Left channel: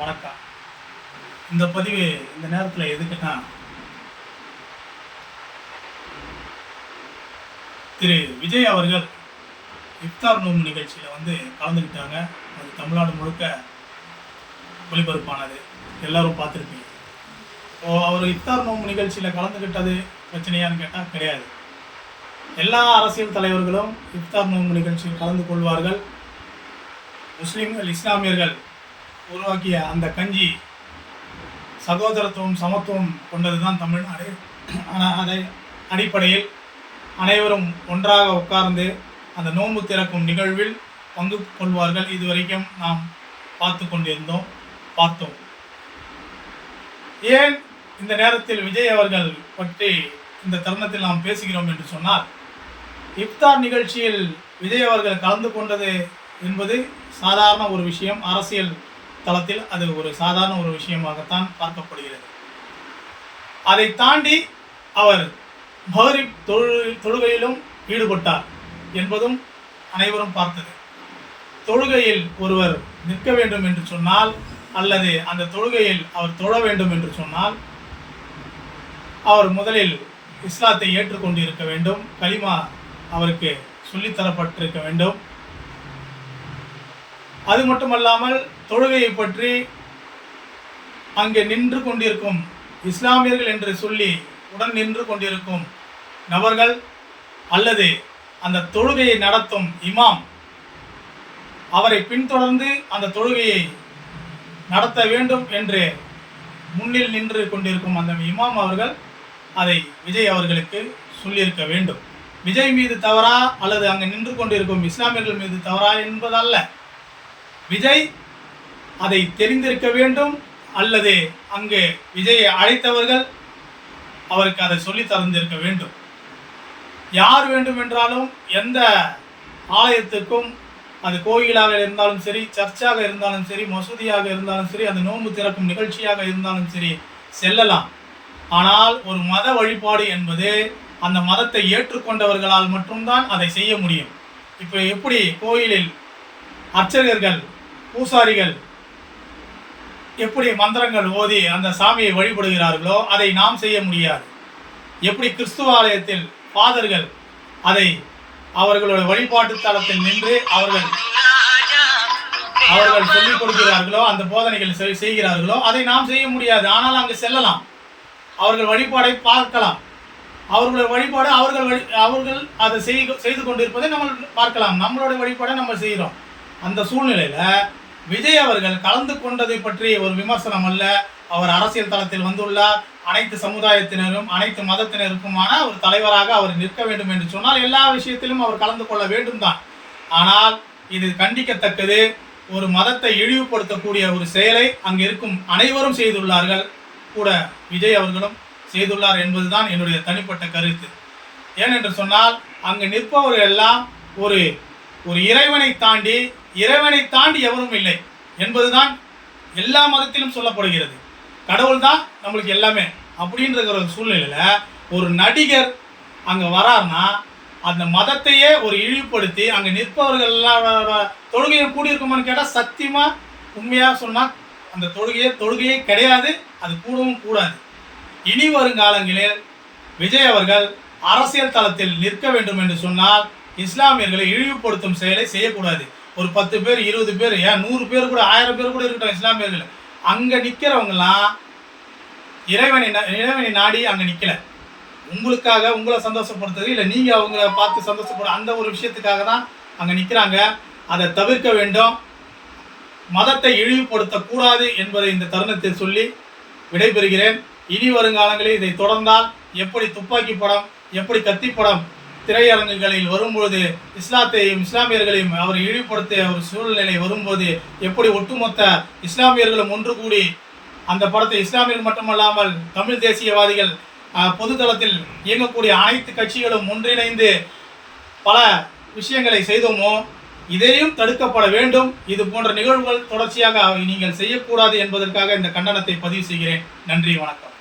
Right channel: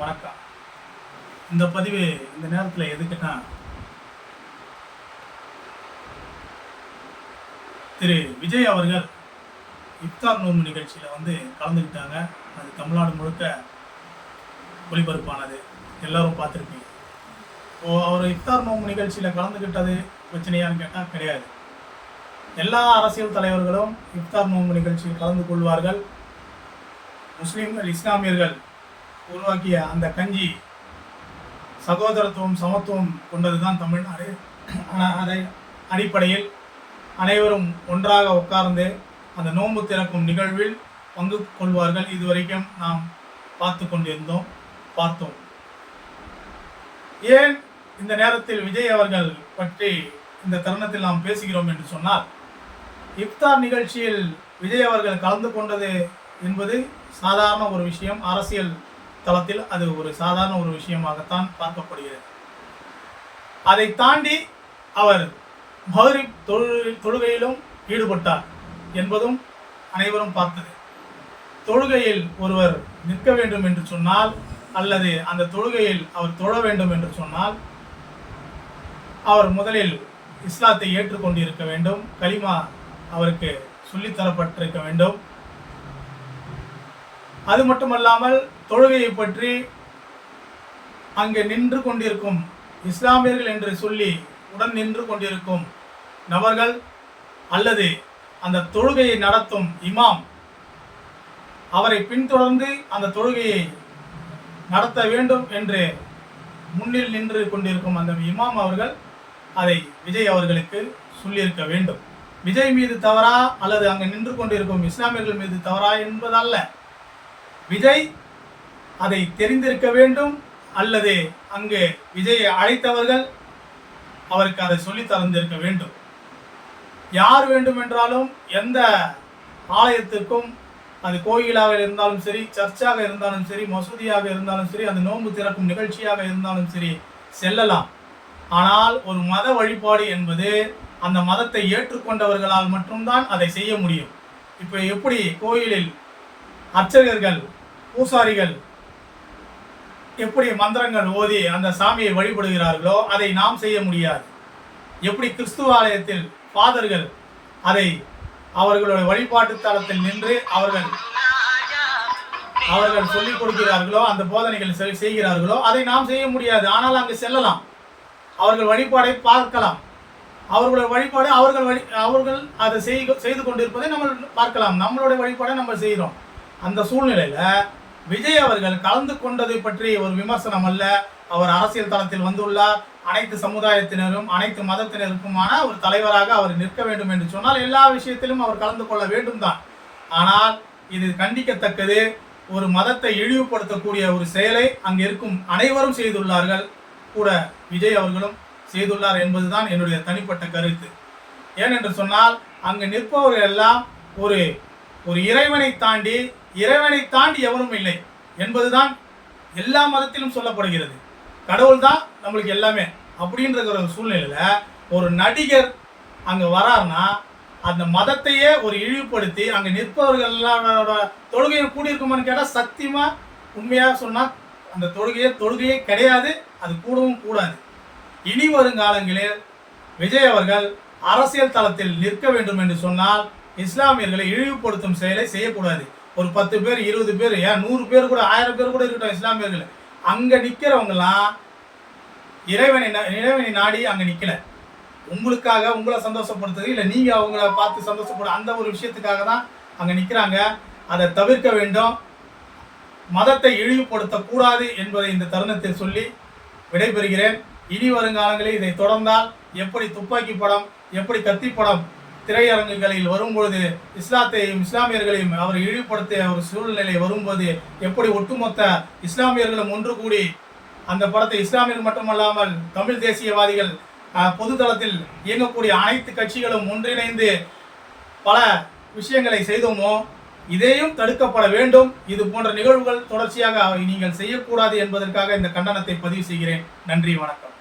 வணக்கம். இந்த பதிவு இந்த நேரத்தில் எதுக்குன்னா, திரு விஜய் அவர்கள் இஃப்தார் நோன்பு நிகழ்ச்சியில் கலந்துக்கிட்டாங்க. அது தமிழ்நாடு முழுக்க ஒளிபரப்பானது, எல்லாரும் பார்த்துருப்பீங்க. அவர் இஃப்தார் நோன்பு நிகழ்ச்சியில் கலந்துக்கிட்டது பிரச்சனையான்னு கேட்டால் கிடையாது. எல்லா அரசியல் தலைவர்களும் இஃப்தார் நோன்பு நிகழ்ச்சியில் கலந்து கொள்வார்கள். முஸ்லீம்கள், இஸ்லாமியர்கள் உருவாக்கிய அந்த கஞ்சி சகோதரத்துவம், சமத்துவம் கொண்டது தான் தமிழ்நாடு. அதை அடிப்படையில் அனைவரும் ஒன்றாக உட்கார்ந்து அந்த நோன்பு திறக்கும் நிகழ்வில் பங்கு கொள்வார்கள். இதுவரைக்கும் நாம் பார்த்தோம். ஏன் இந்த நேரத்தில் விஜய் அவர்கள் பற்றி இந்த தருணத்தில் நாம் பேசுகிறோம் என்று சொன்னால், இஃப்தார் நிகழ்ச்சியில் விஜய் அவர்கள் கலந்து கொண்டது என்பது சாதாரண ஒரு விஷயம். அரசியல் தளத்தில் அது ஒரு சாதாரண ஒரு விஷயமாகத்தான் பார்க்கப்படுகிறது. அதை தாண்டி அவர் மஹ்ரிப் தொழுகையிலும் ஈடுபட்டார் என்பதும் அனைவரும் பார்த்தது. தொழுகையில் ஒருவர் நிற்க வேண்டும் என்று சொன்னால், அல்லது அந்த தொழுகையில் அவர் தொழ வேண்டும் என்று சொன்னால், அவர் முதலில் இஸ்லாத்தை ஏற்றுக்கொண்டு இருக்க வேண்டும். கலிமா அவருக்கு சொல்லித்தரப்பட்டிருக்க வேண்டும். அது மட்டுமல்லாமல் தொழுகையை பற்றி அங்கே நின்று கொண்டிருக்கும் இஸ்லாமியர்கள் என்று சொல்லி உடன் நின்று கொண்டிருக்கும் நபர்கள், அல்லது அந்த தொழுகையை நடத்தும் இமாம், அவரை பின்தொடர்ந்து அந்த தொழுகையை நடத்த வேண்டும் என்று முன்னில் நின்று கொண்டிருக்கும் அந்த இமாம் அவர்கள் அதை விஜய் அவர்களுக்கு சொல்லியிருக்க வேண்டும். விஜய் மீது தவறா அல்லது அங்கே நின்று கொண்டிருக்கும் இஸ்லாமியர்கள் மீது தவறா என்பதல்ல. விஜய் அதை தெரிந்திருக்க வேண்டும், அல்லது அங்கு விஜயை அழைத்தவர்கள் அவருக்கு அதை சொல்லி தந்திருக்க வேண்டும். யார் வேண்டுமென்றாலும் எந்த ஆலயத்திற்கும், அது கோயிலாக இருந்தாலும் சரி, சர்ச்சாக இருந்தாலும் சரி, மசூதியாக இருந்தாலும் சரி, அந்த நோன்பு திறக்கும் நிகழ்ச்சியாக இருந்தாலும் சரி செல்லலாம். ஆனால் ஒரு மத வழிபாடு என்பது அந்த மதத்தை ஏற்றுக்கொண்டவர்களால் மட்டும்தான் அதை செய்ய முடியும். இப்போ எப்படி கோயிலில் அர்ச்சகர்கள், பூசாரிகள் எப்படி மந்திரங்கள் ஓதி அந்த சாமியை வழிபடுகிறார்களோ அதை நாம் செய்ய முடியாது. எப்படி கிறிஸ்துவ ஆலயத்தில் ஃபாதர்கள் அதை அவர்களுடைய வழிபாட்டு தளத்தில் நின்று அவர்கள் சொல்லிக் கொடுக்கிறார்களோ, அந்த போதனைகள் செய்கிறார்களோ அதை நாம் செய்ய முடியாது. ஆனால் அங்கு செல்லலாம், அவர்கள் வழிபாடை பார்க்கலாம். அவர்களுடைய வழிபாடு அவர்கள் அதை செய்து கொண்டிருப்பதை நம்ம பார்க்கலாம். நம்மளுடைய வழிபாடை நம்ம செய்கிறோம். அந்த சூழ்நிலையில் விஜய் அவர்கள் கலந்து கொண்டதை பற்றிய ஒரு விமர்சனம் அல்ல. அவர் அரசியல் தளத்தில் வந்துள்ளார். அனைத்து சமுதாயத்தினரும், அனைத்து மதத்தினருக்குமான ஒரு தலைவராக அவர் நிற்க வேண்டும் என்று சொன்னால் எல்லா விஷயத்திலும் அவர் கலந்து கொள்ள வேண்டும் தான். ஆனால் இது கண்டிக்கத்தக்கது. ஒரு மதத்தை இழிவுபடுத்தக்கூடிய ஒரு செயலை அங்கு இருக்கும் அனைவரும் செய்துள்ளார்கள், கூட விஜய் அவர்களும் செய்துள்ளார் என்பதுதான் என்னுடைய தனிப்பட்ட கருத்து. ஏனென்று சொன்னால், அங்கு நிற்பவர்கள் எல்லாம் ஒரு இறைவனை தாண்டி எவரும் இல்லை என்பதுதான் எல்லா மதத்திலும் சொல்லப்படுகிறது. கடவுள் தான் நம்மளுக்கு எல்லாமே அப்படின்ற ஒரு சூழ்நிலையில் ஒரு நடிகர் அங்கே வராருன்னா அந்த மதத்தையே ஒரு இழிவுபடுத்தி அங்கே நிற்பவர்கள் தொழுகையை கூடியிருக்குமான்னு கேட்டால் சத்தியமாக உண்மையாக சொன்னால் அந்த தொழுகையே கிடையாது. அது கூடவும் கூடாது. இனி வருங்காலங்களில் விஜய் அவர்கள் அரசியல் தளத்தில் நிற்க வேண்டும் என்று சொன்னால் இஸ்லாமியர்களை இழிவுபடுத்தும் செயலை செய்யக்கூடாது. ஒரு 10 பேர், 20 பேர், ஏன் 100 பேர் கூட, 1000 பேர் கூட இருக்கட்டும், இஸ்லாமியர்கள் அங்கே நிற்கிறவங்கலாம் இறைவனை நாடி அங்கே நிற்கல. உங்களுக்காக, உங்களை சந்தோஷப்படுத்துறது இல்லை, நீங்கள் அவங்கள பார்த்து சந்தோஷப்பட அந்த ஒரு விஷயத்துக்காக தான் அங்கே நிற்கிறாங்க. அதை தவிர்க்க வேண்டும். மதத்தை இழிவுபடுத்தக்கூடாது என்பதை இந்த தருணத்தில் சொல்லி விடைபெறுகிறேன். இனி வருங்காலங்களில் இதை தொடர்ந்தால் எப்படி துப்பாக்கி படம், எப்படி கத்தி படம் திரையரங்குகளில் வரும்போது இஸ்லாத்தையும் இஸ்லாமியர்களையும் அவர் இழிவுபடுத்திய ஒரு சூழ்நிலை வரும்போது எப்படி ஒட்டுமொத்த இஸ்லாமியர்களும் ஒன்று கூடி அந்த படத்தை, இஸ்லாமியர்கள் மட்டுமல்லாமல் தமிழ் தேசியவாதிகள், பொதுத்தளத்தில் இயங்கக்கூடிய அனைத்து கட்சிகளும் ஒன்றிணைந்து பல விஷயங்களை செய்தோமோ, இதையும் தடுக்கப்பட வேண்டும். இது போன்ற நிகழ்வுகள் தொடர்ச்சியாக நீங்கள் செய்யக்கூடாது என்பதற்காக இந்த கண்டனத்தை பதிவு செய்கிறேன். நன்றி, வணக்கம்.